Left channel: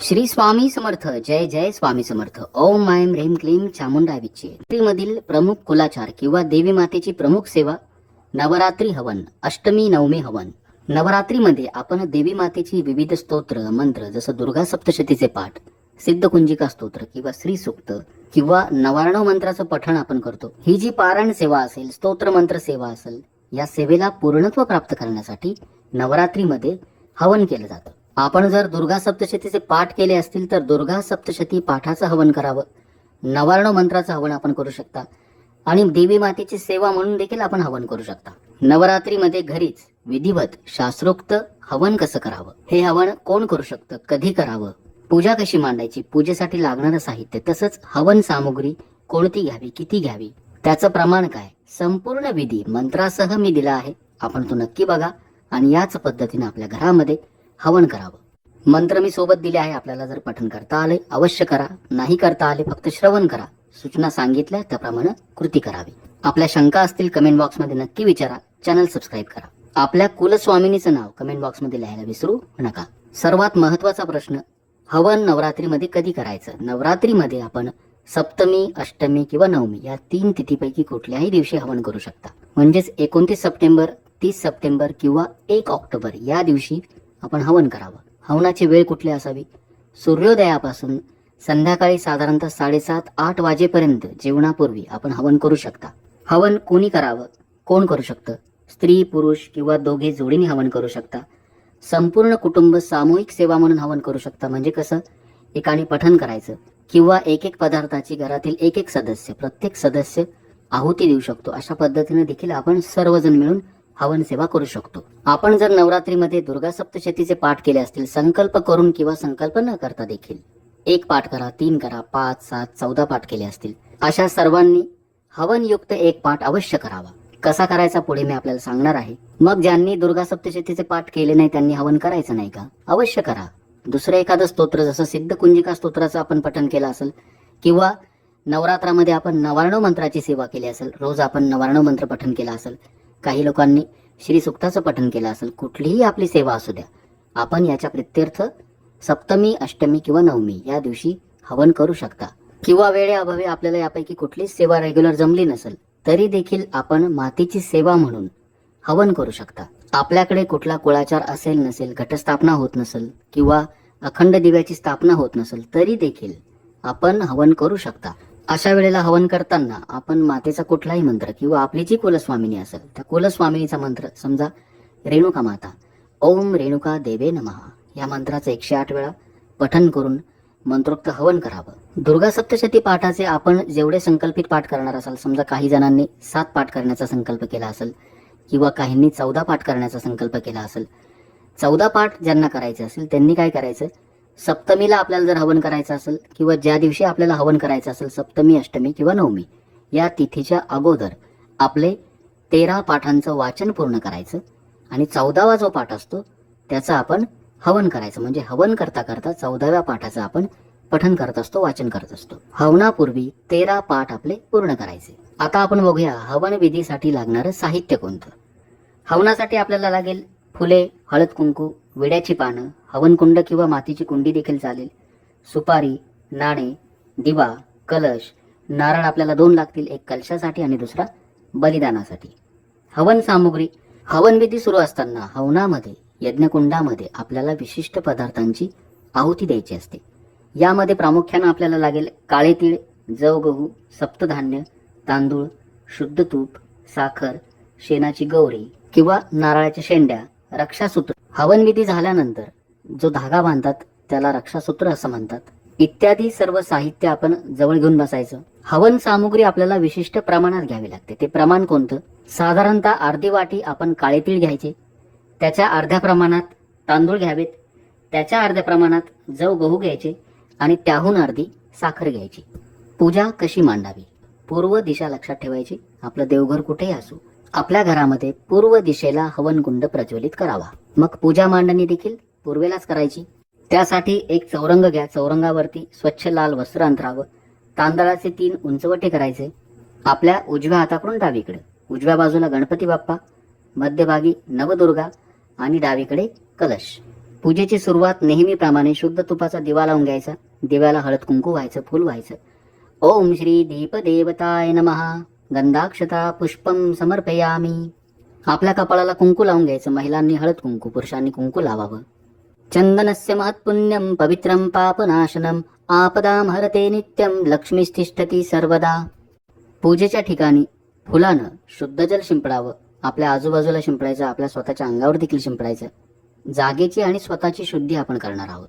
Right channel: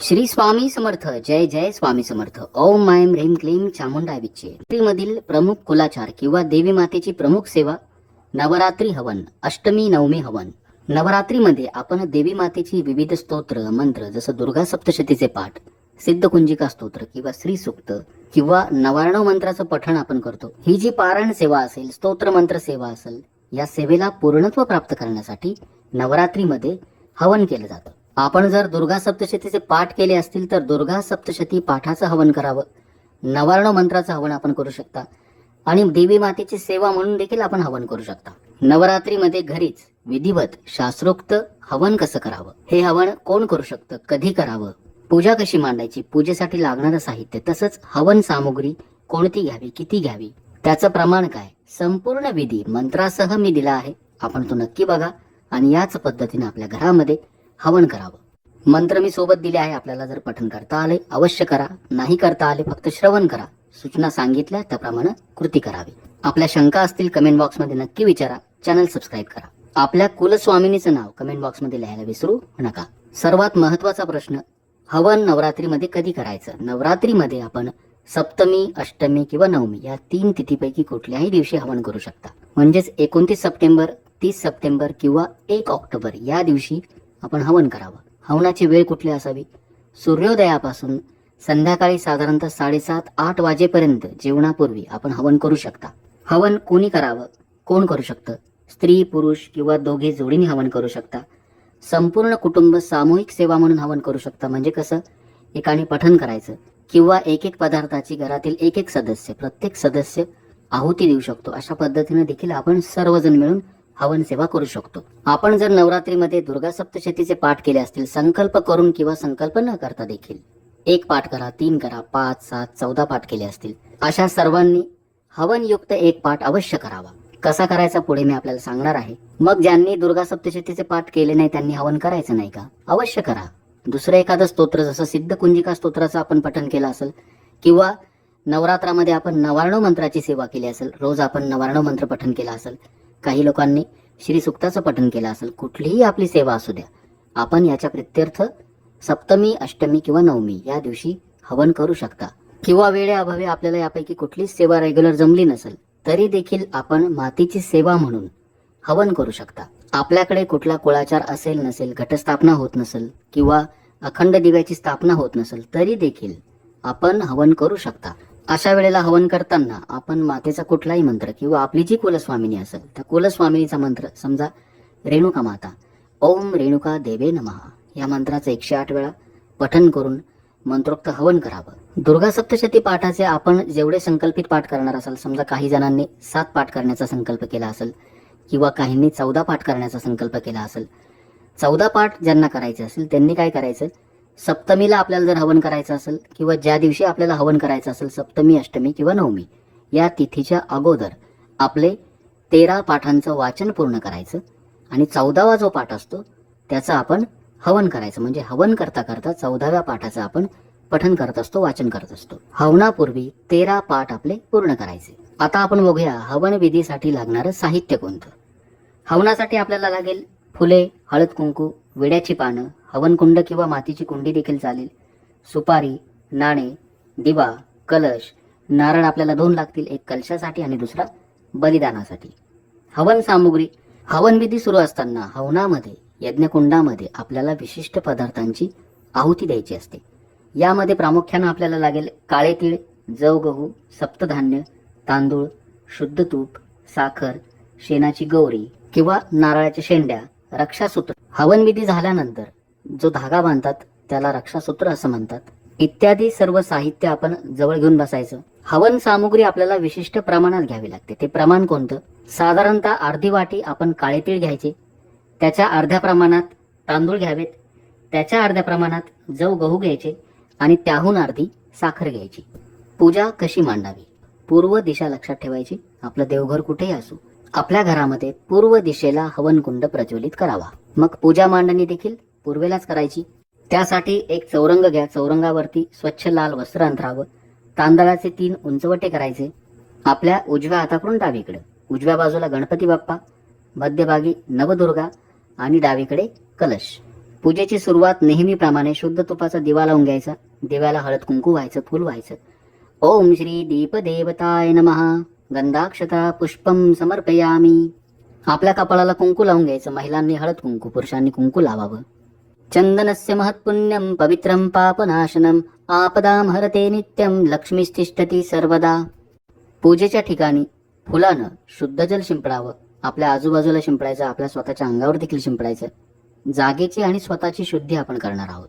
श्री स्वामी समर्थ जय जय स्वामी समर्थ. ओम मायम ह्रीम क्लीम चामुंडा विचे मधील प्रमुख कुलाचार किंवा देवी मातेची प्रमुख सेवा नवरात्री हवन अष्टमी नवमी हवन. नवरात्रीमध्ये आपण देवी मातेची विविध स्तोत्र मंत्र जसं दुर्गा सप्तशतीचे पाठ सिद्धकुंजिका स्तोत्र किंवा श्री सुक्त किंवा नवारणव मंत्राचं पठण आपण करतो. ही जी पारायण सेवा असेल स्तोत्र मंत्र सेवा असेल या सेवेला पूर्णत्व प्राप्त करण्यासाठी नवरात्रीमध्ये हवन केलं जातं. आपण जर दुर्गा सप्तशतीचे पाठ केले असतील तर दुर्गा सप्तशती पाठाचं हवन करावं. नवार्ण मंत्राचं हवन आपण करू शकता. आणि देवी मातेची सेवा म्हणून देखील आपण हवन करू शकता. नवरात्रीमध्ये घरीच विधिवत शास्त्रोक्त हवन कसं करावं? हे हवन कोण करू शकतं? कधी करावं? पूजा कशी मांडायची? पूजेसाठी लागणारं साहित्य तसंच हवन सामुग्री कोणती घ्यावी? किती घ्यावी? त्याचं प्रमाण काय? संपूर्ण विधी मंत्रासह मी दिला आहे. आपण तो नक्की बघा आणि याच पद्धतीने आपल्या घरामध्ये हवन करावं. मंत्र मी सोबत दिले आहे आपल्याला जर पठन करता आले अवश्य करा. नाही करता आले फक्त श्रवण करा. सूचना सांगितल्या त्याप्रमाणे कृती करावी. आपल्या शंका असतील कमेंट बॉक्समध्ये नक्की विचारा. चॅनल सबस्क्राईब करा. आपल्या कुलस्वामिनीचं नाव कमेंट बॉक्समध्ये लिहायला विसरू नका. सर्वात महत्त्वाचा प्रश्न हवन नवरात्रीमध्ये कधी करायचं? नवरात्रीमध्ये आपण सप्तमी अष्टमी किंवा नवमी या तीन तिथीपैकी कुठल्याही दिवशी हवन करू शकता. म्हणजेच एकोणतीस सप्टेंबर तीस सप्टेंबर किंवा एक ऑक्टोबर या दिवशी आपण हवन करावं. हवनाची वेळ कुठली असावी? सूर्योदयापासून संध्याकाळी साधारणतः साडेसात आठ वाजेपर्यंत जेवणापूर्वी आपण हवन करू शकता. हवन कोणी करावं? कोण करू शकतं? स्त्री पुरुष किंवा दोघे जोडीने हवन करू शकता. संपूर्ण कुटुंब सामूहिक सेवा म्हणून हवन करू शकता. म्हणजे कसं? एकाने पठण करायचं किंवा एक एक पदार्थाची घरातील एक एक सदस्य प्रत्येक सदस्य आहुती देऊ शकतो. अशा पद्धतीने देखील आपण सर्वजण मिळून हवन सेवा करू शकतो. आपण जर नवरात्रीमध्ये दुर्गा सप्तशतीचे पाठ केले असतील संकल्प करून किंवा संकल्प न करता देखील एक पाठ करा तीन करा पाच सात चौदा पाठ केले असतील अशा सर्वांनी हवनयुक्त एक पाठ अवश्य करावा. कसा करायचा पुढे मी आपल्याला सांगणार आहे. मग ज्यांनी दुर्गा सप्तशतीचे पाठ केले नाही त्यांनी हवन करायचं नाही का? अवश्य करा. दुसरं एखादं स्तोत्र जसं सिद्ध कुंजिका स्तोत्राचं आपण पठन केलं असेल किंवा नवरात्रामध्ये आपण नवारणव मंत्राची सेवा केली असेल रोज आपण नवारणव मंत्र पठन केलं असेल काही लोकांनी श्री सुक्ताचं पठण केलं असेल कुठलीही आपली सेवा असू द्या. आपण याच्या प्रित्यर्थ सप्तमी अष्टमी किंवा नवमी या दिवशी हवन करू शकता. किंवा वेळेअभावी आपल्याला यापैकी कुठलीच सेवा रेग्युलर जमली नसेल तरी देखील आपण मातीची सेवा म्हणून हवन करू शकता. आपल्याकडे कुठला कुळाचार असेल नसेल घटस्थापना होत नसेल किंवा अखंड दिव्याची स्थापना होत नसेल तरी देखील आपण हवन करू शकता. अशा वेळेला हवन करताना आपण मातेचा कुठलाही मंत्र किंवा आपली जी कुलस्वामिनी असेल त्या कुलस्वामिनीचा मंत्र समजा रेणुका माता ओम रेणुका देवे नमः या मंत्राचं एकशे आठ वेळा पठन करून मंत्रोक्त हवन करावं. दुर्गा सप्तशती पाठाचे आपण जेवढे संकल्पित पाठ करणार असाल समजा काही जणांनी सात पाठ करण्याचा संकल्प केला असेल किंवा काहींनी चौदा पाठ करण्याचा संकल्प केला असेल चौदा पाठ ज्यांना करायचे असेल त्यांनी काय करायचं? सप्तमीला आपल्याला जर हवन करायचं असेल किंवा ज्या दिवशी आपल्याला हवन करायचं असेल सप्तमी अष्टमी किंवा नवमी या तिथीच्या अगोदर आपले तेरा पाठांचं वाचन पूर्ण करायचं आणि चौदावा जो पाठ असतो त्याचं आपण हवन करायचं. म्हणजे हवन करता करता चौदाव्या पाठाचं आपण पठन करत असतो वाचन करत असतो. हवनापूर्वी तेरा पाठ आपले पूर्ण करायचे. आता आपण बघूया हवन विधीसाठी लागणारं साहित्य कोणतं? हवनासाठी आपल्याला लागेल फुले हळद कुंकू विड्याची पानं हवनकुंड किंवा मातीची कुंडी देखील चालेल. सुपारी नाणे दिवा कलश नारळ आपल्याला दोन लागतील एक कलशासाठी आणि दुसरा बलिदानासाठी. हवन सामुग्री हवनविधी सुरू असताना हवनामध्ये यज्ञकुंडामध्ये आपल्याला विशिष्ट पदार्थांची आहुती द्यायची असते. यामध्ये प्रामुख्यानं आपल्याला लागेल काळे तीळ जव गहू सप्तधान्य तांदूळ शुद्ध तूप साखर शेणाची गौरी किंवा नारळाच्या शेंड्या रक्षासूत्र. हवनविधी झाल्यानंतर जो धागा बांधतात त्याला रक्षासूत्र असं म्हणतात. इत्यादी सर्व साहित्य आपण जवळ घेऊन बसायचं. हवन सामुग्री आपल्याला विशिष्ट प्रमाणात घ्यावी लागते. ते प्रमाण कोणतं? साधारणतः अर्धी वाटी आपण काळे तीळ घ्यायचे. त्याच्या अर्ध्या प्रमाणात तांदूळ घ्यावेत. त्याच्या अर्ध्या प्रमाणात जव गहू घ्यायचे आणि त्याहून अर्धी साखर घ्यायची. पूजा कशी मांडावी? पूर्व दिशा लक्षात ठेवायची. आपलं देवघर कुठेही असो आपल्या घरामध्ये पूर्व दिशेला हवनकुंड प्रज्वलित करावा. मग पूजा मांडणी देखील पूर्वेलाच करायची. त्यासाठी एक चौरंग घ्या. चौरंगावरती स्वच्छ लाल वस्त्र अंतरावं तांदळाचे तीन उंचवटे करायचे. आपल्या उजव्या हाताकडून डावीकडे. उजव्या बाजूला गणपती बाप्पा मध्यभागी नवदुर्गा आणि डावीकडे कलश. पूजेची सुरुवात नेहमीप्रमाणे शुद्ध तुपाचा दिवा लावून घ्यायचा. दिव्याला हळद कुंकू व्हायचं फुल व्हायचं. ओम श्री दीपदेवताय नमहा गंधाक्षता पुष्पम समर्पयामी. आपल्या कपाळाला कुंकू लावून घ्यायचं. महिलांनी हळद कुंकू पुरुषांनी कुंकू लावावं. चंदनस्य महत्पुण्यं पवित्रं पापनाशनम आपदाम हरते नित्यं लक्ष्मीस्तिष्ठती सर्वदा। पूजेच्या ठिकाणी फुलानं शुद्ध जल शिंपडावं. आपल्या आजूबाजूला शिंपडायचं आपल्या स्वतःच्या अंगावर देखील शिंपडायचं. जागेची आणि स्वतःची शुद्धी आपण करणार आहोत.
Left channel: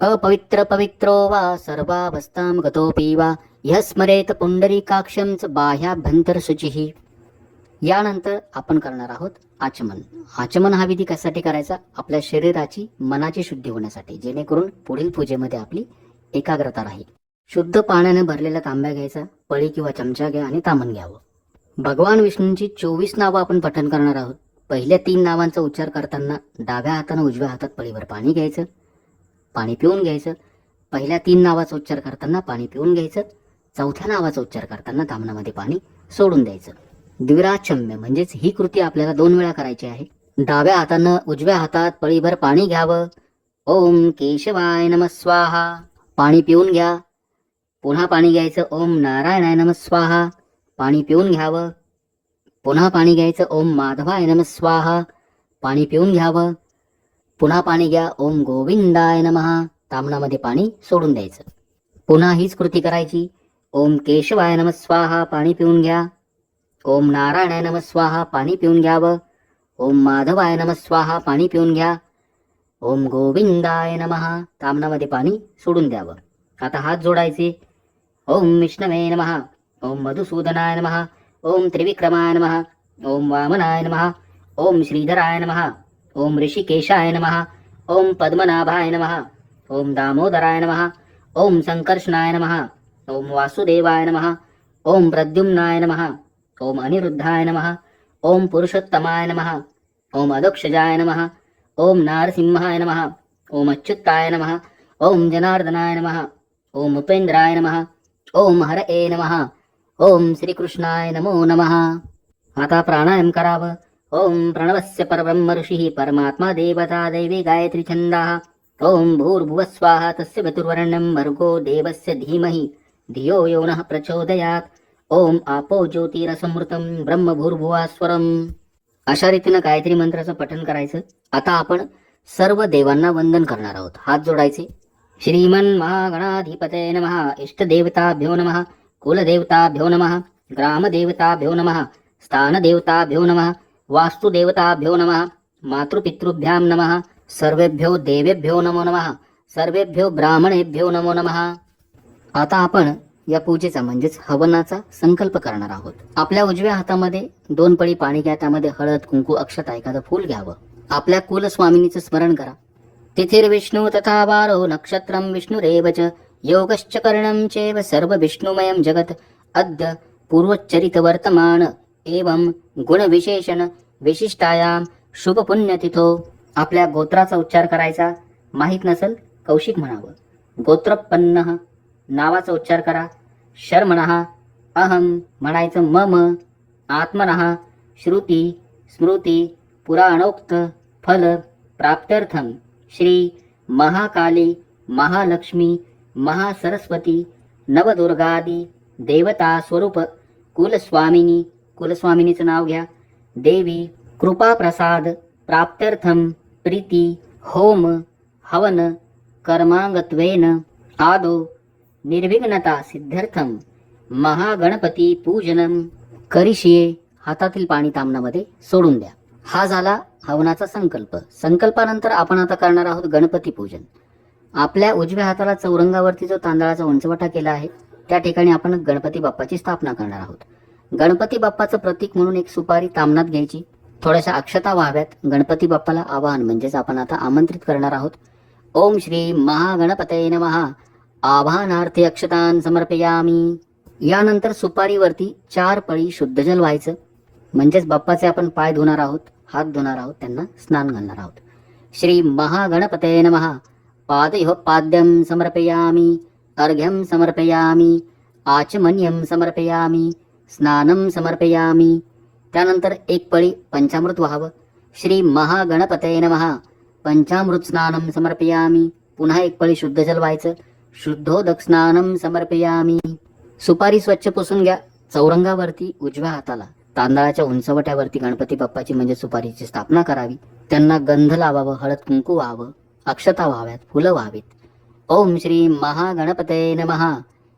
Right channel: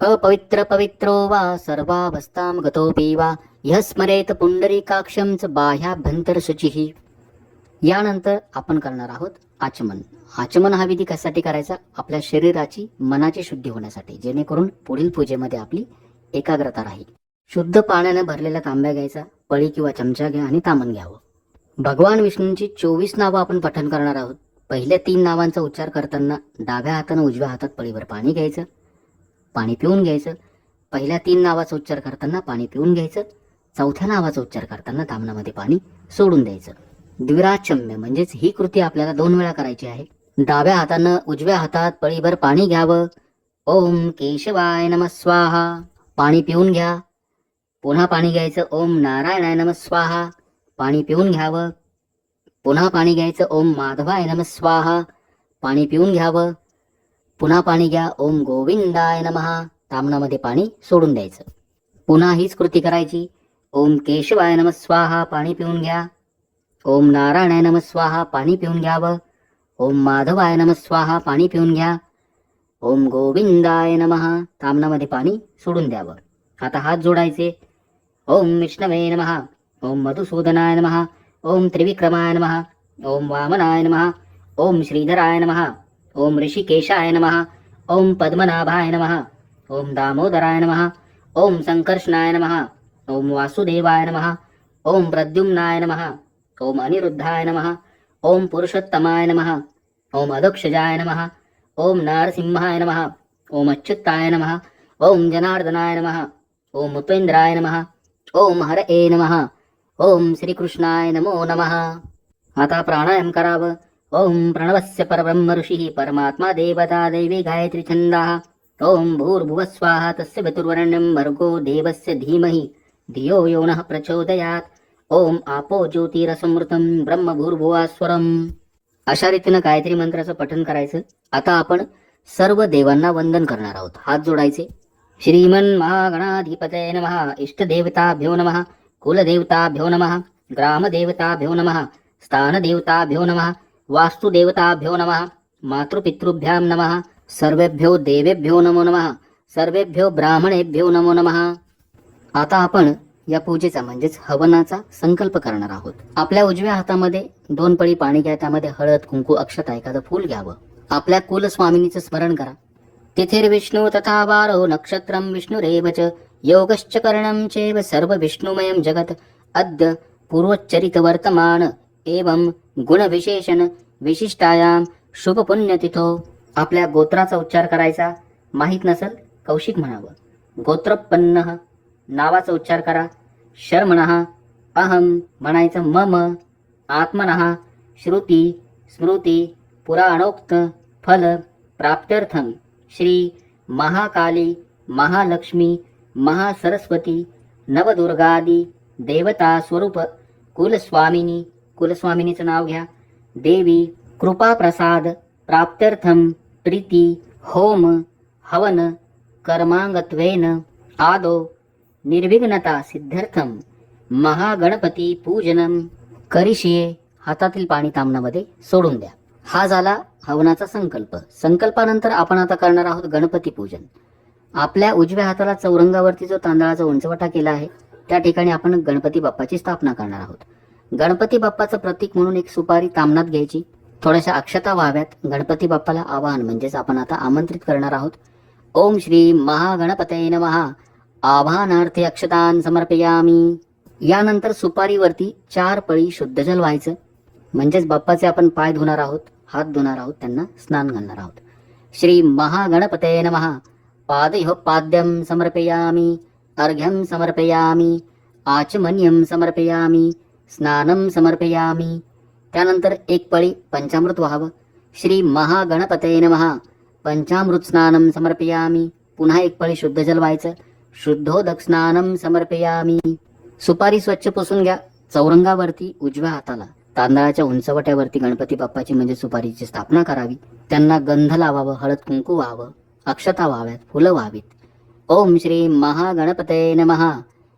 अपवित्र पवित्रो वा सर्वाभस्तां गतोपी वा ह्य स्मरेत पुंडरीकाक्षं च बाह्याभ्यंतर शुचिः यानंतर आपण करणार आहोत आचमन. आचमन हा विधी कशासाठी करायचा? आपल्या शरीराची मनाची शुद्धी होण्यासाठी जेणेकरून पुढील पूजेमध्ये आपली एकाग्रता राहील. शुद्ध पाण्याने भरलेला तांब्या घ्यायचा पळी किंवा चमचा घ्या आणि तामन घ्यावं. भगवान विष्णूंची चोवीस नावं आपण पठण करणार आहोत. पहिल्या तीन नावांचा उच्चार करताना डाव्या हातानं उजव्या हातात पळीवर पाणी घ्यायचं पाणी पिऊन घ्यायचं. पहिल्या तीन नावाचा उच्चार करताना पाणी पिऊन घ्यायचं. चौथ्या नावाचा उच्चार करताना तामनामध्ये पाणी सोडून द्यायचं. द्विराचम्य म्हणजेच ही कृती आपल्याला दोन वेळा करायची आहे. डाव्या हातानं उजव्या हातात पळीभर पाणी घ्यावं. ओम केशवाय नम स्वाहा. पाणी पिऊन घ्या. पुन्हा पाणी घ्यायचं. ओम नारायणाय नम स्वाहा. पाणी पिऊन घ्यावं. पुन्हा पाणी घ्यायचं. ओम माधवाय नम स्वाहा. पाणी पिऊन घ्यावं. पुन्हा पाणी घ्या. ओम गोविंदाय नमः. तामणामध्ये पाणी सोडून द्यायचं. पुन्हा हीच कृती करायची. ओम केशवाय नम स्वाहा. पाणी पिऊन घ्या. ओम नारायणाय नम स्वाहा पाणी पिऊन घ्यावं ओम माधवाय नम स्वाहा पाणी पिऊन घ्या ओम गोविंदाय नमः तामणामध्ये पाणी सोडून द्यावं आता हात जोडायचे ओम विष्णवे नमः ओम मधुसूदनाय नमः ओम त्रिविक्रमाय नमः ओम वामनाय नमः ओम श्रीधराय नमः ओम ऋषिकेशाय नमः ओम पद्मनाभाय नमः ओम दामोदराय नमः ओम संकर्षणाय नमः ओम वासुदेवाय नमः ओम प्रद्युम्नाय नमः ओम अनिरुद्धाय नमः। ओम पुरुषोत्तमाय नमः। ओम अदक्षजाय नमः। ओम नारसिंहाय नमः। ओम अच्युताय नमः। ओम जनार्दनाय नमः। ओम उपेन्द्राय नमः। ओम हरये नमः। ओम श्रीकृष्णाय नमो नमः। आता प्राणायाम करावं। ओम प्रणवस्य परब्रह्म ऋषिः। परमात्मा देवता दैवी गायत्री छन्दः। ओम भूर्भुवस्वाहा तस्य गतुर्वरेण्यं भर्गो देवस्य धीमहि। धियो यो नः प्रचोदयात् ओम आपो ज्योतिरसमृतं ब्रह्म भूर्भुवास्वरम् अशा रीतीनं गायत्री मंत्राचं पठन करायचं. आता आपण सर्व देवांना वंदन करणार आहोत. हात जोडायचे. श्रीमन महागणाधिपतये नमः. इष्टदेवताभ्यो नमः. कुलदेवताभ्यो नमः. ग्रामदेवताभ्यो नमः. स्थानदेवताभ्यो नमः. वास्तुदेवताभ्यो नमः. मातृपितृभ्यां नमः. सर्वेभ्यो देवेभ्यो नमो नमः. सर्वेभ्यो ब्राह्मणेभ्यो नमो नमः. आता आपण या पूजेचा म्हणजेच हवनाचा संकल्प करणार आहोत. आपल्या उजव्या हातामध्ये दोन पळी पाणी घ्या त्यामध्ये हळद कुंकू अक्षता एखादं फूल घ्यावं. आपल्या कुलस्वामिनीचं स्मरण करा. तिथिर्विष्णू तथा वारो हो नक्षत्रं विष्णु रेवच योगश्च कर्णम चेव सर्व विष्णुमयम जगत अद्य पूर्वोच्चरित वर्तमान एवं गुणविशेषण विशिष्टायां शुभपुण्यतिथो. आपल्या गोत्राचा उच्चार करायचा? माहीत नसेल? कौशिक म्हणावं. गोत्रपन्न नावाचा उच्चार करा. शर्मणः। अहम म्हणायचं मम। आत्मनः श्रुती स्मृती पुराणोक्त फल प्राप्त्यर्थं। श्री महाकाली महालक्ष्मी महासरस्वती नवदुर्गादी देवता स्वरूप कुलस्वामिनी। कुलस्वामिनीचं नाव घ्या। देवी कृपा प्रसाद प्राप्त्यर्थं प्रीती होम हवन कर्मांगत्वेन आदो। निर्विघ्नता सिद्धार्थम महागणपती पूजनम करिशिये हातातील पाणी तामनामध्ये सोडून द्या. हा झाला हवनाचा संकल्प. संकल्पानंतर आपण आता करणार आहोत गणपती पूजन. आपल्या उजव्या हाताला चौरंगावरती जो तांदळाचा उंचवटा केला आहे त्या ठिकाणी आपण गणपती बाप्पाची स्थापना करणार आहोत. गणपती बाप्पाचं प्रतीक म्हणून एक सुपारी तामनात घ्यायची. थोड्याशा अक्षता व्हाव्यात गणपती बाप्पाला आवाहन म्हणजेच आपण आता आमंत्रित करणार आहोत. ओम श्री महागणपतये नमहा आभानार्थी अक्षतान समर्पयामी. यानंतर सुपारीवरती चार पळी शुद्ध जल व्हायचं. म्हणजेच बाप्पाचे आपण पाय धुणार आहोत हात धुणार आहोत त्यांना स्नान घालणार आहोत. श्री महागणपतये नमः. पादयो पाद्यं समर्पयामि. अर्घ्यं समर्पयामि. आचमन्यम समर्पयामि. स्नानं समर्पयामि. त्यानंतर एक पळी पंचामृत व्हावं. श्री महागणपतये नमः. पंचामृत स्नानम समर्पयामी. पुन्हा एक पळी शुद्ध जल व्हायचं. शुद्धोदक स्नानम समर्पयामी. सुपारी स्वच्छ पुसून घ्या. चौरंगावरती उजव्या हाताला तांदळाच्या उंचवट्यावरती गणपती बाप्पाची म्हणजे सुपारीची स्थापना करावी. त्यांना गंध लावावं हळद कुंकू व्हावं अक्षता व्हाव्यात फुलं व्हावीत. ओम श्री महागणपते नमः.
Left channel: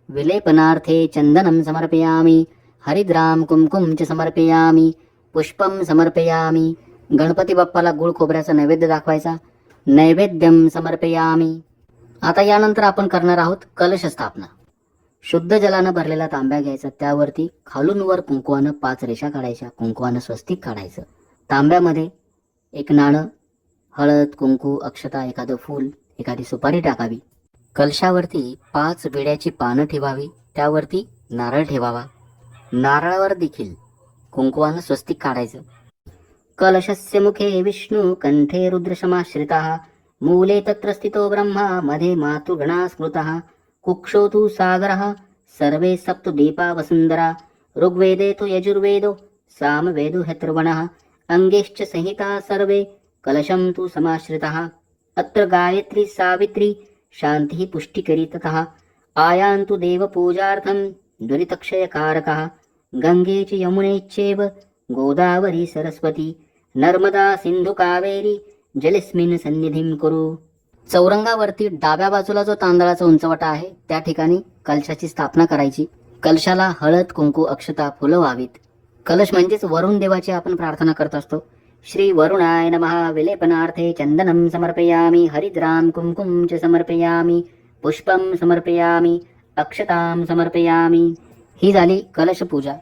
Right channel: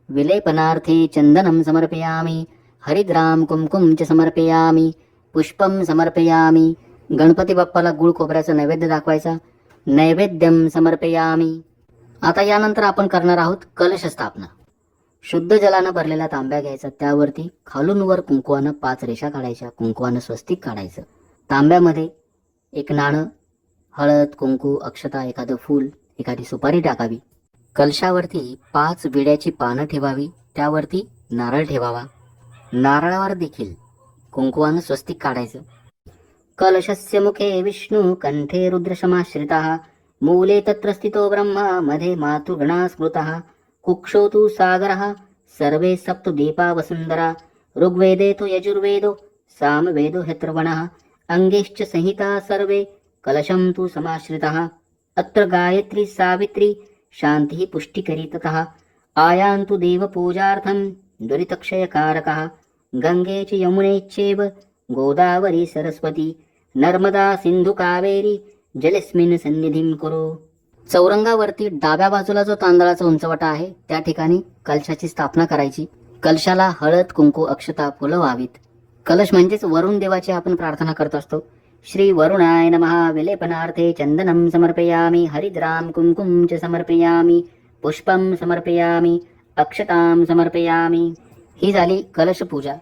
विलेपनार्थे चंदनं समर्पयामि. हरिद्राम कुमकुम च समर्पयामि. पुष्पम समर्पयामि. गणपती बाप्पाला गुळ खोबऱ्याचा नैवेद्य दाखवायचा. नैवेद्यम समर्पयामि. आता यानंतर आपण करणार आहोत कलश स्थापना शुद्ध जलानं भरलेला तांब्या घ्यायचा त्यावरती खालून वर कुंकवानं पाच रेषा काढायच्या कुंकवानं स्वस्तिक काढायचं. तांब्यामध्ये एक नाणं हळद कुंकू अक्षता एखादं फूल एखादी सुपारी टाकावी. कलशावरती पाच विड्याची पानं ठेवावी त्यावरती नारळ ठेवावा. नारळावर देखील कुंकवानं स्वस्तिक काढायचं. कलशस्य मुखे विष्णू कंठे रुद्रशमाश्रिता मूले तत्र स्थितो ब्रह्मा मधे मातृगणा स्मृतः। कुक्षो तु सागरः सर्वे सप्त दीपा वसुन्धरा। ऋग्वेदे तु यजुर्वेदो सामवेदो ह्यथर्वणः अङ्गेश्च संहिता सर्वे कलशं तु समाश्रितः। अत्र गायत्री सावित्री शान्तिः पुष्टिकरी ततः आयान्तु देवपूजार्थं दुरितक्षयकारकः। गङ्गे च यमुने चैव गोदावरी सरस्वती। नर्मदा सिन्धुकावेरी जलेस्मिन सन्निधिं कुरु। चौरंगावरती डाव्या बाजूला जो तांदळाचा उंचवटा आहे त्या ठिकाणी कलशाची स्थापना करायची. कलशाला हळद कुंकू अक्षता फुलं व्हावीत. कलश म्हणजेच वरुण देवाची आपण प्रार्थना करत असतो. श्री वरुणाय नमः विलेपनार्थे चंदनं समर्पयामि हरिद्राम कुंकुम च समर्पयामि पुष्पं समर्पयामि अक्षतां समर्पयामि. ही झाली कलश पूजा.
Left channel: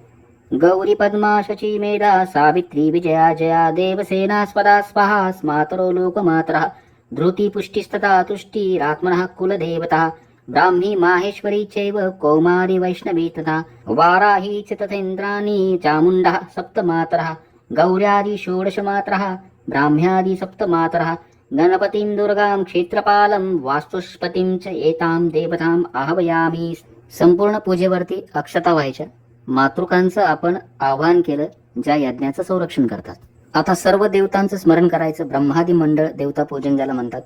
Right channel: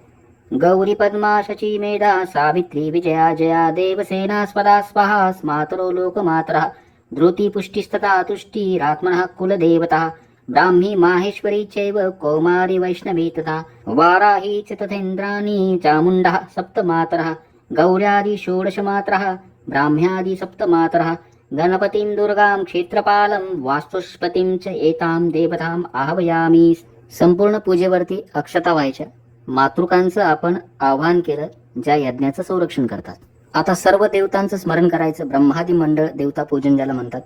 गौरी पद्मा शची मेधा सावित्री विजया जया देवसेना स्वदा स्वाहा स्मातरो लोकमात्रः धृती पुष्टिस्तथा तुष्टिरात्मनः कुलदेवता ब्राह्मी माहेश्वरी चैव कौमारी वैष्णवी तथा वाराही च तथेन्द्राणी चामुण्डः सप्तमातरः गौर्यादि षोडशमात्रः ब्राह्म्यादि सप्तमातरः गणपतिं दुर्गां क्षेत्रपालं वास्तुष्पतीं च एतां देवताम् आह्वयामि। संपूर्ण पूजेवरती अक्षता व्हायच्या मातृकांचं आपण आवाहन केलं ज्या यज्ञाचं संरक्षण करतात. आता सर्व देवतांचं स्मरण करायचं ब्रह्मादी मंडळ देवता पूजन ज्याला म्हणतात.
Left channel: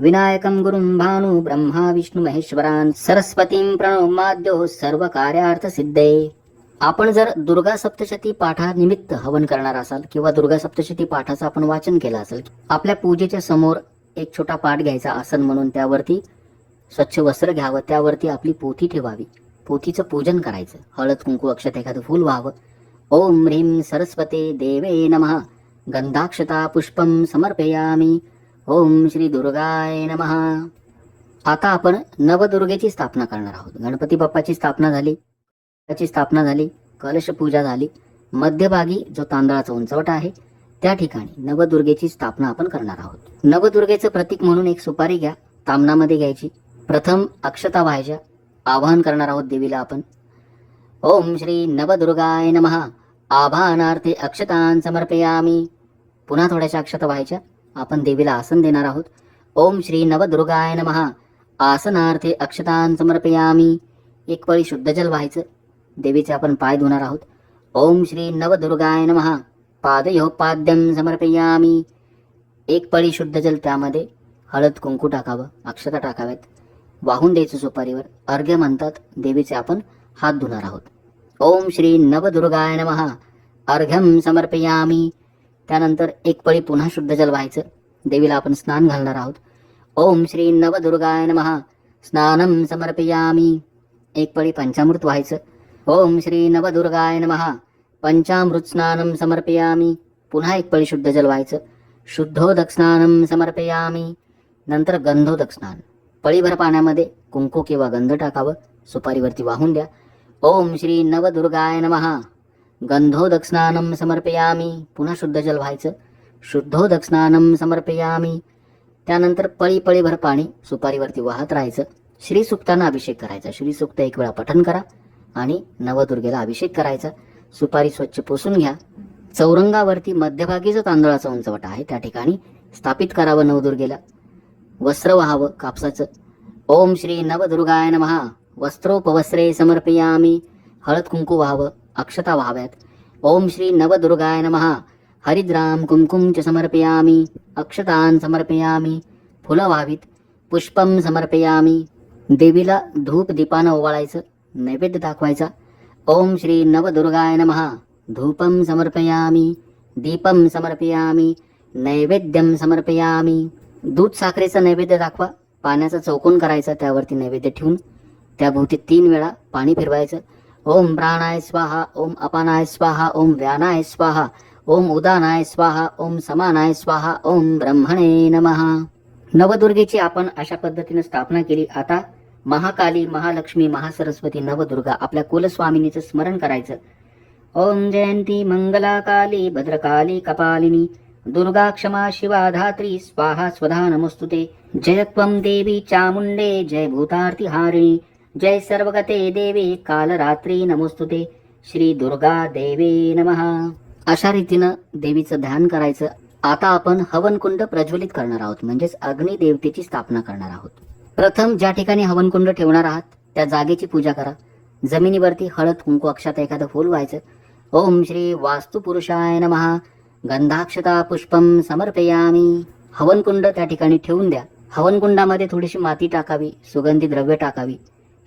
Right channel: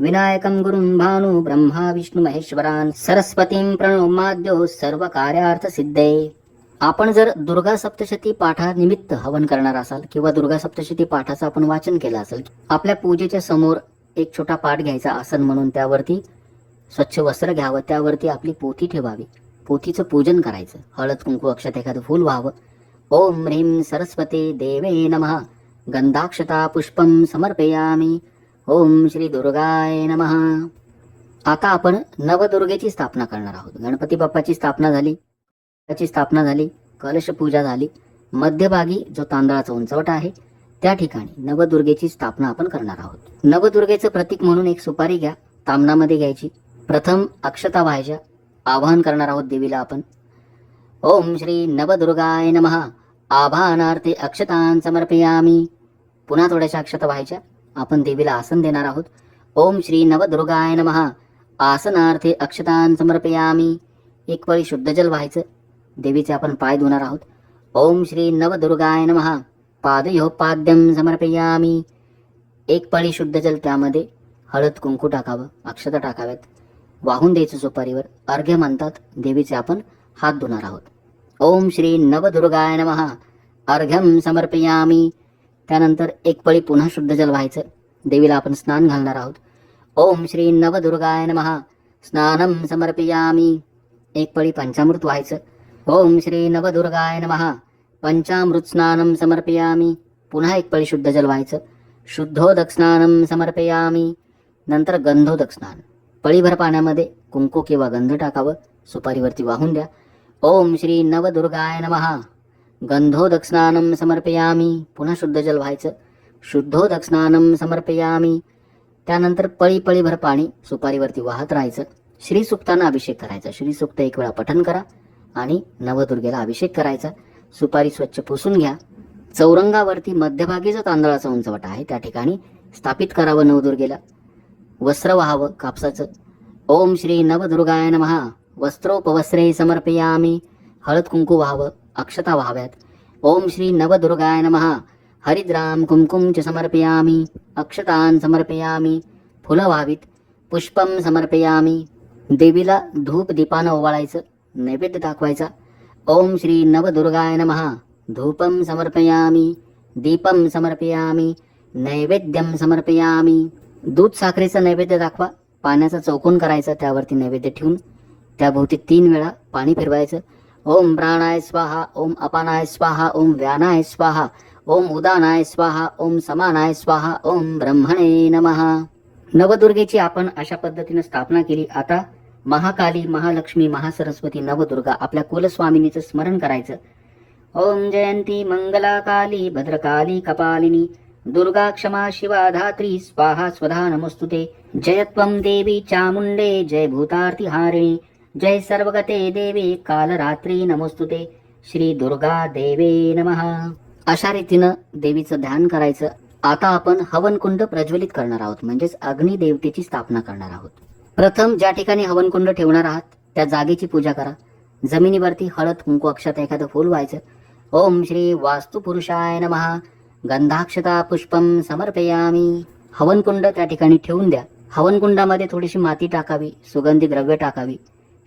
विनायकं गुरुं भानु ब्रह्मा विष्णू महेश्वरान सरस्वतीं प्रणोमाद्यो सर्व कार्यार्थ सिद्धे. आपण जर दुर्गा सप्तशती पाठानिमित्त हवन करणार असाल किंवा दुर्गा सप्तशती पाठाचं आपण वाचन केलं असेल आपल्या पूजेच्या समोर एक छोटा पाठ घ्यायचा आसन म्हणून त्यावरती स्वच्छ वस्त्र घ्यावं त्यावरती आपली पोथी ठेवावी. पोथीचं पूजन करायचं. हळद कुंकू अक्षत एखादं फूल व्हावं. ओम ह्रीं सरस्वती देवे नमः. गंधाक्षता पुष्पम समर्पयामी. ओम श्री दुर्गाय नमः. आता आपण नवदुर्गेची स्थापना करणार आहोत. गणपती बाप्पाची स्थापना झाली. त्याची स्थापना झाली. कलश पूजा झाली. मध्यभागी जो तांदळाचा उंचवटा आहे त्या ठिकाणी नवदुर्गेची स्थापना आपण करणार आहोत. नवदुर्गेचं प्रतीक म्हणून एक सुपारी घ्या. तामनामध्ये घ्यायची. प्रथम अक्षता व्हायच्या. आवाहन करणार आहोत देवीला आपण. ओम श्री नवदुर्गाय नमः. आभानार्थे अक्षतान समर्पयामी. पुन्हा थोड्याशा अक्षता व्हायच्या. आपण देवीला आसन देणार आहोत. ओम श्री नवदुर्गाय नमहा आसनार्थे अक्षतान समर्पयामी. एक पळी शुद्ध जल व्हायचं. देवीचे आपण पाय धुणार आहोत. ओम श्री नवदुर्गाय नमहा पादयोपाद्यम समर्पयामी. एक पळी शुद्ध जल त्यामध्ये. हळद कुंकू टाकावं. अक्षता टाकाव्यात. वाहून द्यायचं सुपारीवर. अर्घ्य म्हणतात देवीचे आपण हात धुणार आहोत. ओम श्री नवदुर्गाय नमहा अर्घ्यम समर्पयामी. त्यानंतर एक पळी पुन्हा शुद्ध जल व्हायचं. देवीला आपण स्नान घालणार आहोत. ओम श्री नवदुर्गाय नमहा स्नानम समर्पयामी. एक पळी पंचामृत व्हायचं. ओम श्री नवदुर्गाय नमहा पंचामृत स्नानम समर्पयामी. पुन्हा एक पळी शुद्ध जल व्हायचं. शुद्धोदक स्नानम समर्पयामी. नंतर गंधोदक स्नान. पळीभर पाण्यामध्ये कुंकू किंवा गंध टाकावं सुपारीवरती वाहून द्या. ओम श्री नवदुर्गाय नमः. गंधोदक स्नानम समर्पयामी. पुन्हा शुद्ध जल व्हायचं. शुद्धोदक स्नानम समर्पयामी. त्यानंतर पळी पळीभर पाणी सुपारीवरती वाहत राहायचं. श्रीसुक्तांना अभिषेक करायचा. श्री सुक्त एक वेळा पठन करा आणि नवदुर्गेला अभिषेक करायचा. सुपारी स्वच्छ पुसून घ्या. चौरंगावरती मध्यभागीचा तांदळाचा उंचवटा आहे. त्या ठिकाणी स्थापित करावं नवदुर्गेला. वस्त्र व्हावं कापसाचं। ओम श्री नवदुर्गाय नमः। वस्त्रोपवस्त्रे समर्पयामी। हळद कुंकू व्हावं अक्षता व्हाव्यात ओम श्री नवदुर्गाय नमः। हरिद्राम कुंकुम च समर्पयामि। अक्षतान समर्पयामि। फुलं व्हावीत पुष्पम समर्पयामि। देवीला धूप दीपानं ओवाळायचं नैवेद्य दाखवायचा। ओम श्री नवदुर्गाय नमः। धूपम समर्पयामि। दीपम समर्पयामि। नैवेद्यम समर्पयामि। दूध साखरेचा नैवेद्य दाखवा पाण्याचा चौकोन करायचा त्यावरती नैवेद्य ठेवून त्याभोवती तीन वेळा पाणी फिरवायचं. ओम प्राणाय स्वाहा ओम अपानाय स्वाहा ओम व्यानाय स्वाहा ओम उदानाय स्वाहा ओम समानाय स्वाहा ओम ब्रह्मणे नमः. नवदुर्गेची आपण अशा पद्धतीने स्थापना केली. आता महाकाली महालक्ष्मी महासरस्वती नवदुर्गा आपल्या कुलस्वामिनीचं स्मरण करायचं. ओम जयंती मंगलाकाली भद्रकाली कपालिनी. दुर्गा क्षमा शिवा धात्री स्वाहा स्वधा नमस्तुते। जयत्वं देवी चामुण्डे जय भूतार्तिहारिणी जय सर्वगते देवी कालरात्री नमोस्तुते। श्री दुर्गा देवे नमः। अशा रीतीनं देवीचं ध्यान करायचं आता आपण हवनकुंड प्रज्वलित करणार आहोत म्हणजेच अग्निदेवतेची स्थापना करणार आहोत. प्रथम ज्या ठिकाणी हवनकुंड ठेवणार आहात त्या जागेची पूजा करा. जमिनीवरती हळद कुंकू अक्षात एखादं फूल व्हायचं. ओम श्री वास्तुपुरुषाय नमहा गंधाक्षता पुष्पम समर्पयामी. हवनकुंड त्या ठिकाणी ठेवून द्या. हवनकुंडामध्ये थोडीशी माती टाकावी सुगंधी द्रव्य टाकावी.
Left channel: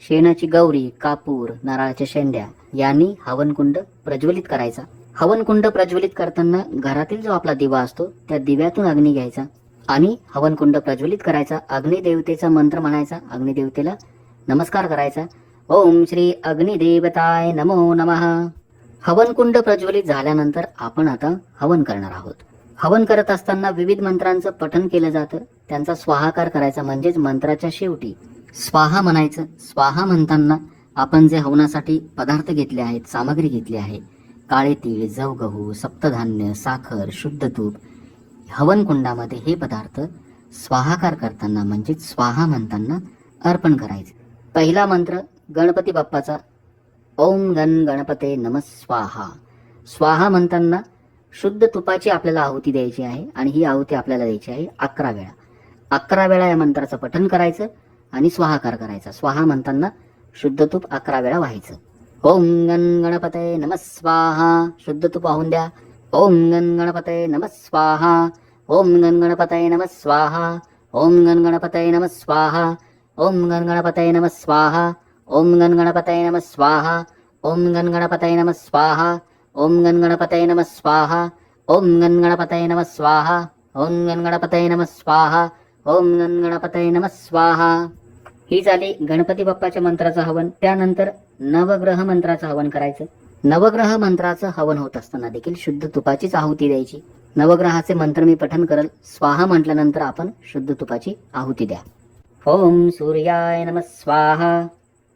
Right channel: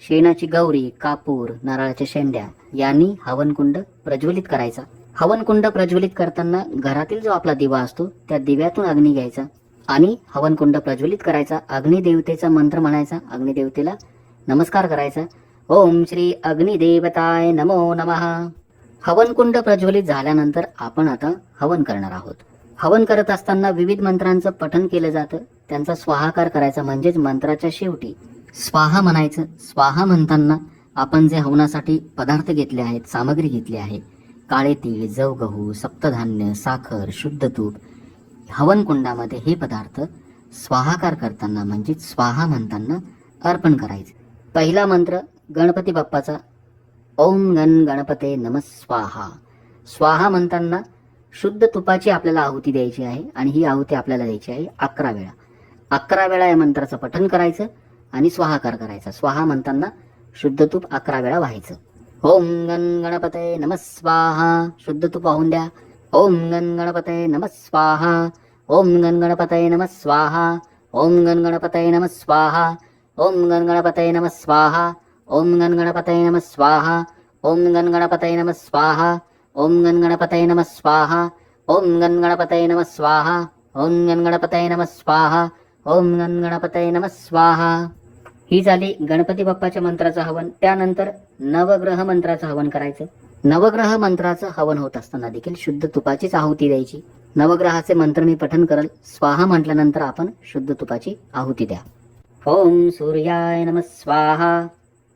शेणाची गौरी कापूर नारळाच्या शेंड्या यांनी हवनकुंड प्रज्वलित करायचा. हवनकुंड प्रज्वलित करताना घरातील जो आपला दिवा असतो त्या दिव्यातून अग्नी घ्यायचा आणि हवनकुंड प्रज्वलित करायचा. अग्निदेवतेचा मंत्र म्हणायचा. अग्निदेवतेला नमस्कार करायचा. ओम श्री अग्निदेवताय नमो नमः. हवनकुंड प्रज्वलित झाल्यानंतर आपण आता हवन करणार आहोत. हवन करत असताना विविध मंत्रांचं पठन केलं जातं. त्यांचा स्वाहाकार करायचा म्हणजेच मंत्राच्या शेवटी स्वाहा म्हणायचं. स्वाहा म्हणताना आपण जे हवनासाठी पदार्थ घेतले आहेत सामग्री घेतली आहे काळे तीळ जव गहू सप्तधान्य साखर शुद्ध तूप हवनकुंडामध्ये हे पदार्थ स्वाहाकार करताना म्हणजेच स्वाहा म्हणताना अर्पण करायचे. पहिला मंत्र गणपती बाप्पाचा ओम गण गणपते नम स्वाहा. स्वाहा म्हणताना शुद्ध तुपाची आपल्याला आहुती द्यायची आहे आणि ही आहुती आपल्याला द्यायची आहे अकरा वेळा. अकरा वेळा या मंत्राचं पठन करायचं आणि स्वाहाकार करायचा. स्वाहा म्हणताना शुद्ध तूप अकरा वेळा व्हायचं. ओम गण गणपते नम स्वाहा. शुद्ध तूप वाहून द्या. ओम गण गणपते नम स्वाहा. ओम गण गणपते नम स्वाहा. ओम गण गणपते नम स्वाहा. ओम गण गणपते नम स्वाहा. ओम गण नम स्वाहा। ओम गण नम स्वाहा। ओम गण नम स्वाहा। ओम गण नम स्वाहा। ओम गण नम स्वाहा। ओम गण नम स्वाहा। ही झाली गणपती बाप्पाच्या मंत्राचं हवन. त्यानंतर नवग्रह मंत्राचं हवन करायचं. नवग्रह मंत्राचं हवन होत असताना देखील शुद्ध तुपाचीच आहुती द्यायची. नवग्रहाचे मंत्र मी पठन करल. स्वाहा म्हटल्यानंतर आपण शुद्ध तुपाची आहुती द्या. ओम सूर्याय नम स्वाहा.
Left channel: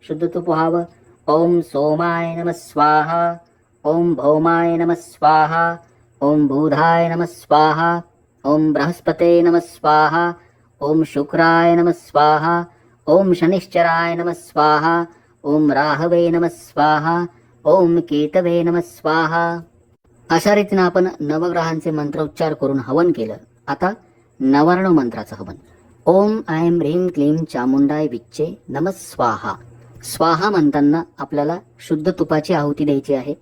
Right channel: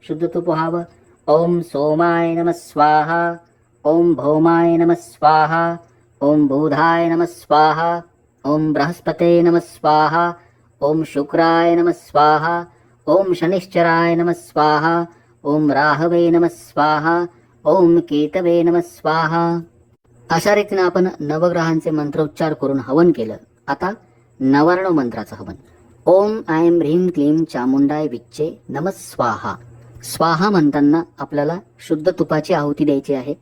शुद्ध पुहाव व्हावं ओम सोमाय नम स्वाहा। ओम भौमाय नम स्वाहा। ओम बुधाय नम स्वाहा। ओम बृहस्पते नम स्वाहा। ओम शुक्राय नम स्वाहा। ओम शनिश्चराय नम स्वाहा। ओम राहवे नम स्वाहा। ओम केतवे नम स्वाहा। अशा रीतीने आपण नवग्रहांचे मंत्रोच्चार करून हवन केलं. आता नवार्ण मंत्राचं हवन. ओम ऐं ह्रीं क्लीं चामुंडाय विच्चे नम स्वाहा म्हणताना आपल्याला शुद्ध तुपाची आहुती द्यायची आहे.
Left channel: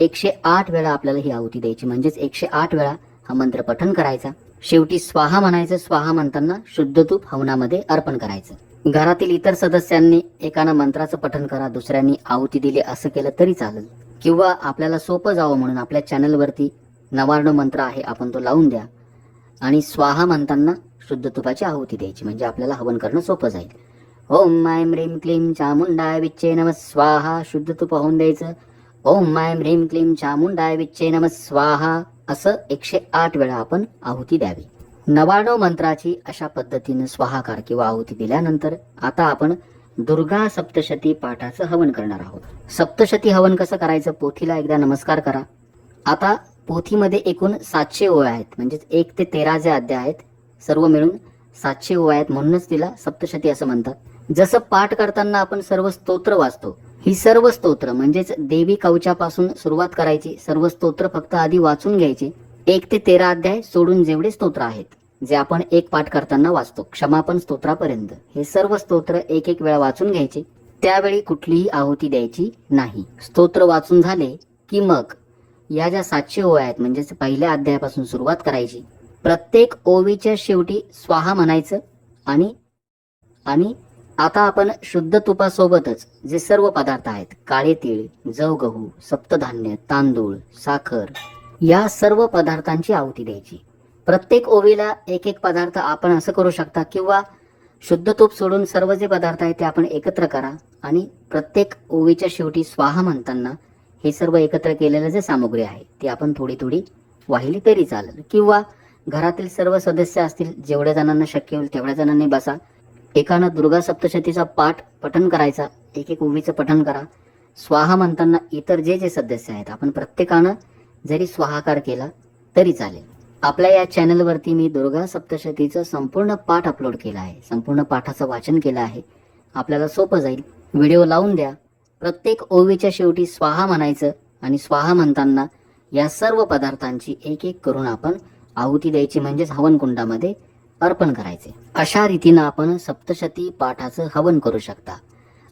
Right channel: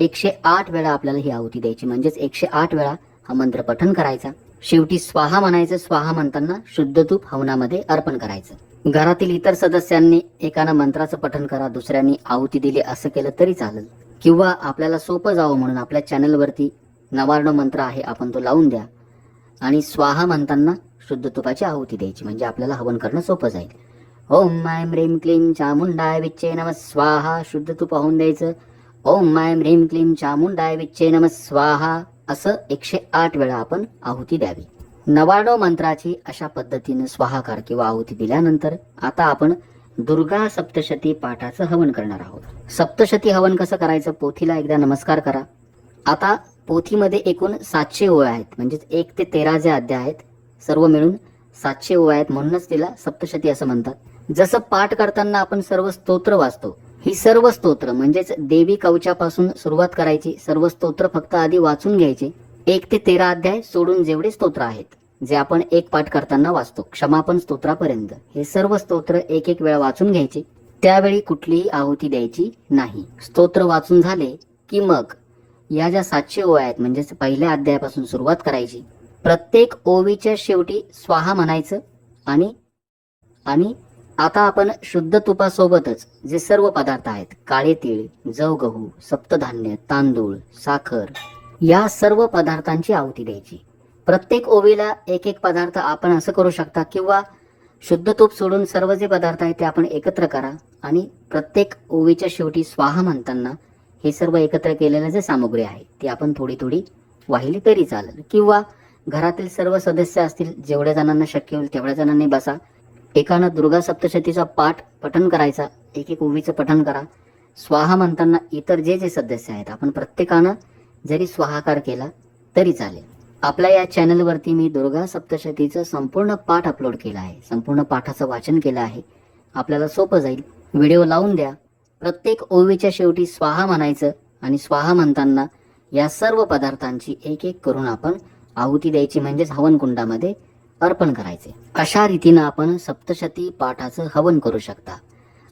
एकशे आठ वेळा आपल्याला ही आहुती द्यायची. म्हणजेच एकशे आठ वेळा हा मंत्र पठन करायचा. शेवटी स्वाहा म्हणायचं. स्वाहा म्हणताना शुद्ध तूप हवनामध्ये अर्पण करायचं. घरातील इतर सदस्यांनी एकानं मंत्राचं पठन करा दुसऱ्यांनी आहुती दिली असं केलं तरी चालेल. किंवा आपल्याला सोपं जावं म्हणून आपल्या चॅनलवरती नवार्ण मंत्र आहे आपण तो लावून द्या. आणि स्वाहा म्हणताना शुद्ध तुपाची आहुती द्यायची. म्हणजे आपल्याला हवन करणं सोपं जाईल. ओम ऐं ह्रीं क्लीं चामुंडाय विच्चे नम स्वाहा। शुद्ध तूप पाहून द्यायचं. ओम ऐं ह्रीं क्लीं चामुंडाय विच्चे नम स्वाहा। असं एकशे आठ वेळा आपण आहुती द्यावी. नवाणो मंत्राची अशा पद्धतीने स्वाहाकार किंवा आहुती दिल्यानंतर आता आपण दुर्गा सप्तशती पाठाचं हवन करणार आहोत. सप्तशती हवन कसं करायचं? पोथीला एकदा नमस्कार करा. आता पोथीमध्ये एकूण सातशे ओळ आहेत. म्हणजेच एक ते तेरा जे अध्याय आहेत सर्व मिळून सातशे ओळ आहेत म्हणूनच तिला सप्तशती असं म्हणतात. जसं पाठ करताना आपण सर्व स्तोत्र वाचतो ही सर्व स्तोत्र म्हणजेच देवी कवचापासून सुरुवात करायची सर्व स्तोत्र फक्त आधी वाचून घ्यायचे एक ते तेरा अध्याय सोडून जेवढे स्तोत्र आहेत जे आपण एक पाठ करताना वाचतो क्षमापण स्तोत्रापर्यंत. हे सर्व स्तोत्र एक एक वेळा वाचून घ्यायचे त्यावेळी कुठलीही आहुती द्यायची नाही. स्तोत्र वाचून झाले की मग या ज्या सातशे ओव्या आहेत म्हणजेच पहिल्या अध्यायापासून सुरुवात करायची प्रत्येक ओवीच्या शेवटी स्वाहा म्हणायचं आणि आणि आता आपण शुद्ध तुपासोबतच जे सर्व पदार्थ आहेत काळे तीळ जव गहू सप्तधान्य तांदूळ साखर या सर्व पदार्थांची आहुती द्यायची. प्रत्येक ओवीला एक एक पदार्थ आपण असं करू शकता किंवा शुद्ध तूप सोडून सर्व जे पदार्थ आहेत ते आपण एकत्र करा आणि प्रत्येक ओवीच्या शेवटी स्वाहा म्हणताना हे सर्व एकत्र केलेलं जे सामग्री आहे ती आपण थोडी थोडी वाहिली तरी चालेल. किंवा घरातील सर्व सदस्य असतील जेवढ्या जणांना शक्य होईल तेवढ्या जणांनी बसा. एकानं दुर्गा सप्तशतीचा पाठ पठन करायचा एक एक ओवीचं पठन करा. स्वाहा म्हणताना इतर जे जे सदस्य आहेत आपण प्रत्येकानं जरी स्वाहाकार केला तरी चालेल. आपल्या या चॅनलवरती मी दुर्गा सप्तशतीचं संपूर्ण पाठ अपलोड केला आहे संपूर्ण पाठाचं वाचन केलं आहे. आपल्याला सोपं जाईल. व्हिडिओ लावून द्या. प्रत्येक ओवीच्या शेवटी स्वाहा म्हणायचं आणि स्वाहा म्हणताना या सर्व पदार्थांची एक एक करून आपण आहुती द्यायची म्हणजेच हवनकुंडामध्ये अर्पण करायचे. अशा रीतीनं आपण सप्तशती पाठाचं हवन करू शकता.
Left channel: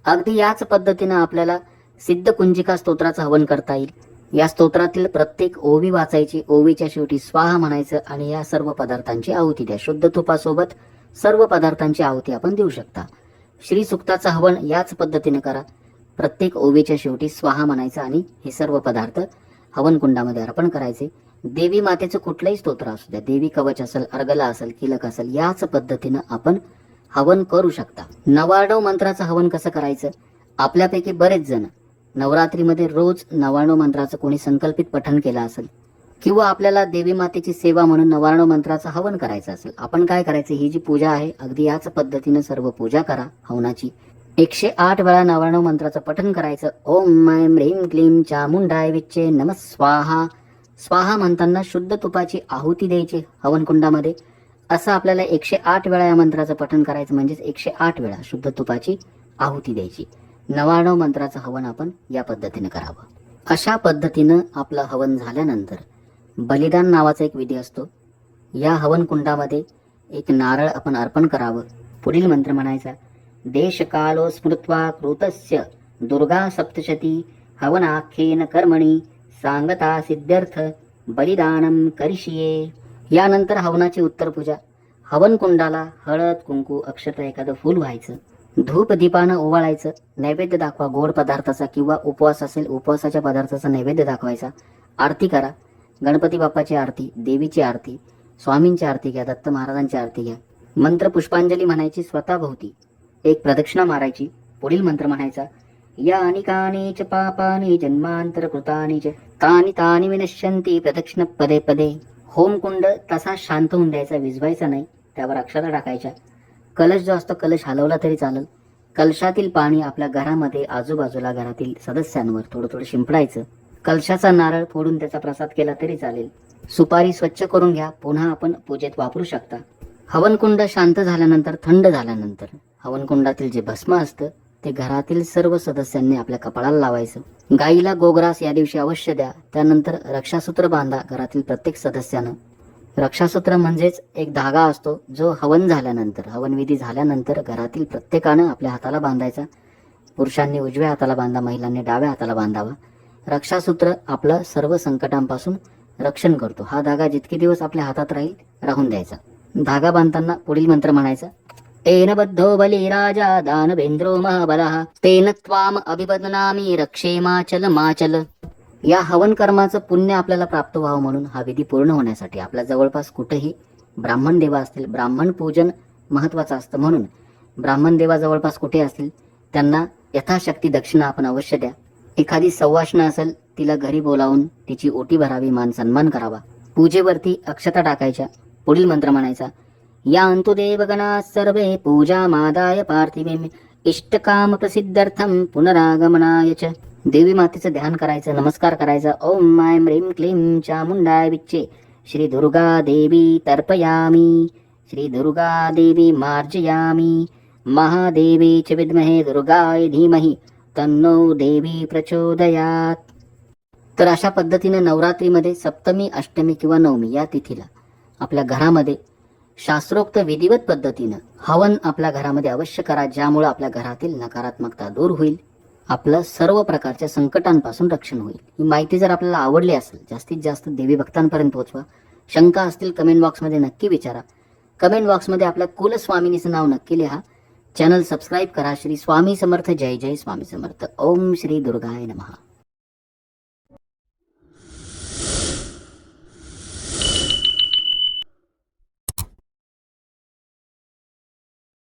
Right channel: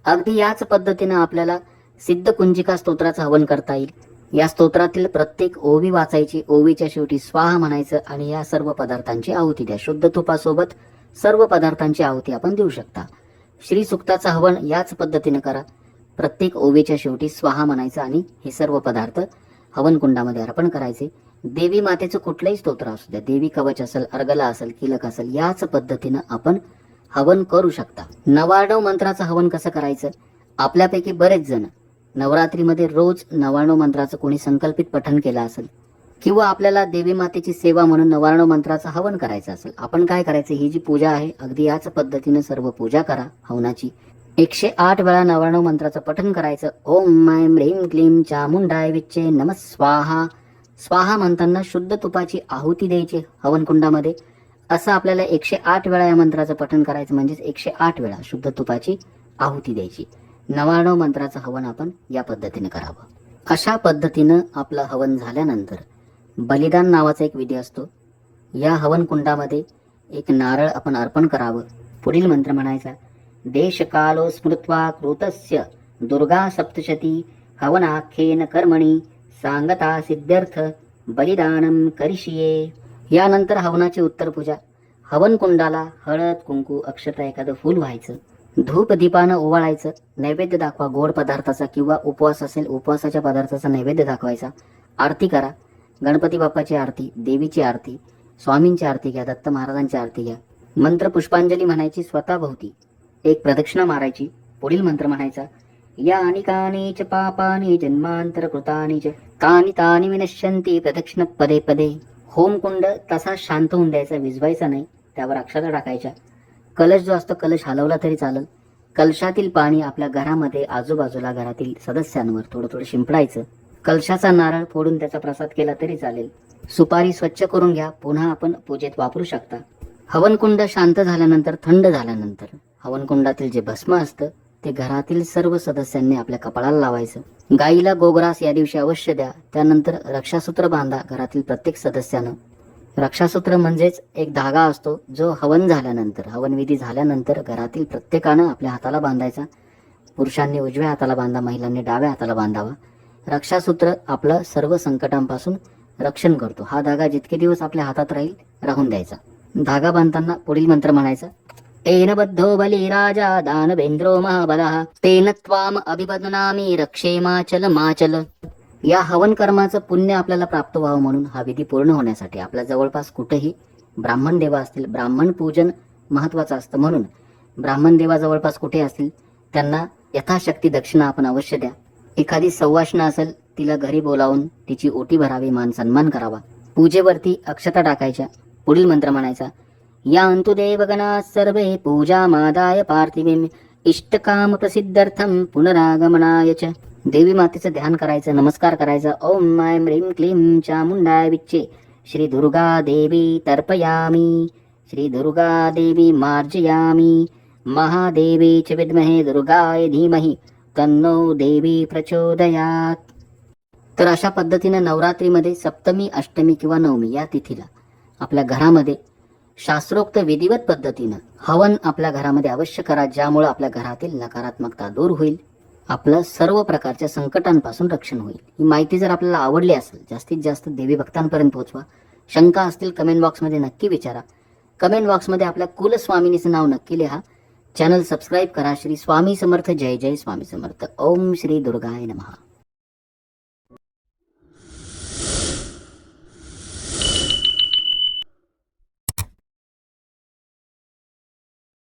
अगदी याच पद्धतीनं आपल्याला सिद्ध कुंजिका स्तोत्राचं हवन करता येईल. या स्तोत्रातील प्रत्येक ओवी वाचायची ओवीच्या शेवटी स्वाहा म्हणायचं आणि या सर्व पदार्थांची आहुती द्या. शुद्ध तुपासोबत सर्व पदार्थांची आहुती आपण देऊ शकता. श्री सुक्ताचं हवन याच पद्धतीने करा. प्रत्येक ओवीच्या शेवटी स्वाहा म्हणायचं आणि हे सर्व पदार्थ हवनकुंडामध्ये अर्पण करायचे. देवी मातेचं कुठलंही स्तोत्र असू द्या देवी कवच असेल अर्गला असेल किलक असेल याच पद्धतीनं आपण हवन करू शकता. नवाडव मंत्राचं हवन कसं करायचं? आपल्यापैकी बरेच जण नवरात्रीमध्ये रोज नवाणव मंत्राचं कोणी संकल्पित पठण केलं असेल किंवा आपल्याला देवी मातेची सेवा म्हणून नवाणव मंत्राचं हवन करायचं असेल आपण काय करायचं? ही जी पूजा आहे अगदी याच पद्धतीनं सर्व पूजा करा हवनाची. एकशे आठ वेळा नवाणव मंत्राचं पठण करायचं. ओम ऐं ह्रीं क्लीं चामुंडाय विच्चे स्वाहा. स्वाहा म्हणताना शुद्ध तुपाची आहुती द्यायची हवनकुंडामध्ये. असं आपल्याला एकशे आठ वेळा या मंत्राचं पठण करायचं म्हणजेच एकशे आठ वेळा शुद्ध तुपाची आहुती द्यायची. नवाणव मंत्राचं हवन आपण या पद्धतीने करावं. अशा पद्धतीनं आपलं हवन झाल्यानंतर बलिदान नावाचा एक विधी असतो. या हवनकुंडामध्ये एक नारळ आपण अर्पण करावं. पुढील मंत्र म्हणायचा देशकालो स्मृत्वा कृतस्य दुर्गा सप्तशती हवनाख्येन कर्मणी सांगता सिद्ध्यर्थ बलिदानम करिशिये यानंतर हवनाची उत्तर पूजा हवन कुंडाला हळद कुंकू अक्षता एखादं फूल व्हायचं. धूप दीपानं ओवाळायचं. नैवेद्य दाखवा गोड पदार्थाचा किंवा उपवास असेल उपवासाच्या पदार्थाचा नैवेद्य दाखवायचा. आरती करा. गणपती बाप्पाची आरती देवीची आरती स्वामींची आरती घ्या दत्त महाराजांची आरती घ्या. मंत्र पुष्पांजली म्हणायची स्वतःभोवती एक प्रदक्षिणा मारायची पुढील मंत्र म्हणायचा यानि कानि च पापानि जन्मांतरकृतानि च तानि तानि विनश्यन्ति प्रदक्षिण पदे। पदे होमकुंड तसा शांत होऊन द्यायचा विझवायचा नाही त्यावर अक्षता टाकायच्या. कलश जो असतो कलश हलवला तरी चालेल. कलशातील पाणी आपल्या घरामध्ये आजूबाजूला घरातील सदस्यांवर थोडं थोडं शिंपडायचं. कलशाचा नारळ फोडून त्याचा प्रसाद केला तरी चालेल. सुपारी स्वच्छ करून घ्या पुन्हा आपण पूजेत वापरू शकता. हवनकुंड शांत झाल्यानंतर थंड झाल्यानंतर हवनकुंडातील जे भस्म असतं ते घरातील सर्व सदस्यांनी आपल्या कपाळाला लावायचं. गाईला गोग्रास या दिवशी अवश्य द्या. त्यानंतर रक्षासूत्र बांधा घरातील प्रत्येक सदस्यानं. रक्षासूत्र म्हणजेच एक धागा असतो जो हवन झाल्यानंतर हवनविधी झाल्यानंतर घरातील प्रत्येकानं आपल्या हाताला बांधायचा. पुरुषांनी उजव्या हाताला बांधा महिलांनी डाव्या हाताला बांधावा. रक्षासूत्र आपलं सर्व संकटांपासून रक्षण करतो. हा धागा जितके दिवस आपल्या हातात राहील राहून द्यायचा. धागा बांधताना पुढील मंत्र म्हणायचा तेन बद्धो बली राजा महाबलः। तेन त्वाम अभिबदनामी रक्षेमाचल माचल या हवन कर्माचं पुण्य आपल्याला प्राप्त व्हावं म्हणून हा विधी पूर्ण होण्यासाठी आपल्या जवळपास कुठेही ब्राह्मण देवा असतील ब्राह्मण पूजन महत्वाचं असतं म्हणून ब्राह्मण देवा जवळपास कुठे असतील त्यांना यथाशक्ती दक्षिणा आपण अवश्य द्या. एखादी सवाष्ण असेल तिला घरी बोलावून तिची ओटी भरावी मान सन्मान करावा. पूजेवरती अक्षता टाकायच्या पुढील मंत्र म्हणायचा यान्तु देवगणाः सर्वे पूजामादाय पार्थिवीम्। इष्टकाम प्रसिद्धर्थम पुनरागमनाय च। देवी मातेचं ध्यान करायचं नमस्कार करायचा। ओम माय ह्रीं क्लीं चामुंडाय विच्चे। श्री दुर्गा देवी तर्पयामी। श्री दुर्गा देवी मार्जयामी। महादेवी च विद्महे दुर्गाय धीमहि। तन्नो देवी प्रचोदयात। तर अशा पद्धतीनं नवरात्रीमध्ये सप्तमी अष्टमी किंवा नवमी या तिथीला आपल्या घरामध्ये शास्त्रोक्त विधिवत पद्धतीनं हवन आपल्या घरामध्ये अवश्य करा ज्यामुळे आपल्या घरातील नकारात्मकता दूर होईल आपलं सर्व प्रकारच्या संकटांपासून रक्षण होईल. ही माहिती जर आपल्याला आवडली असेल जास्तीत जास्त देवी भक्तांपर्यंत पोहोचवा. शंका असतील कमेंट बॉक्समध्ये नक्की विचारा. कमेंट बॉक्समध्ये आपल्या कुलस्वामिनीचं नाव नक्की लिहा. चॅनल सबस्क्राईब करा. श्री स्वामी समर्थ. जय जय स्वामी समर्थ. ओम श्री दुर्गाय नमः.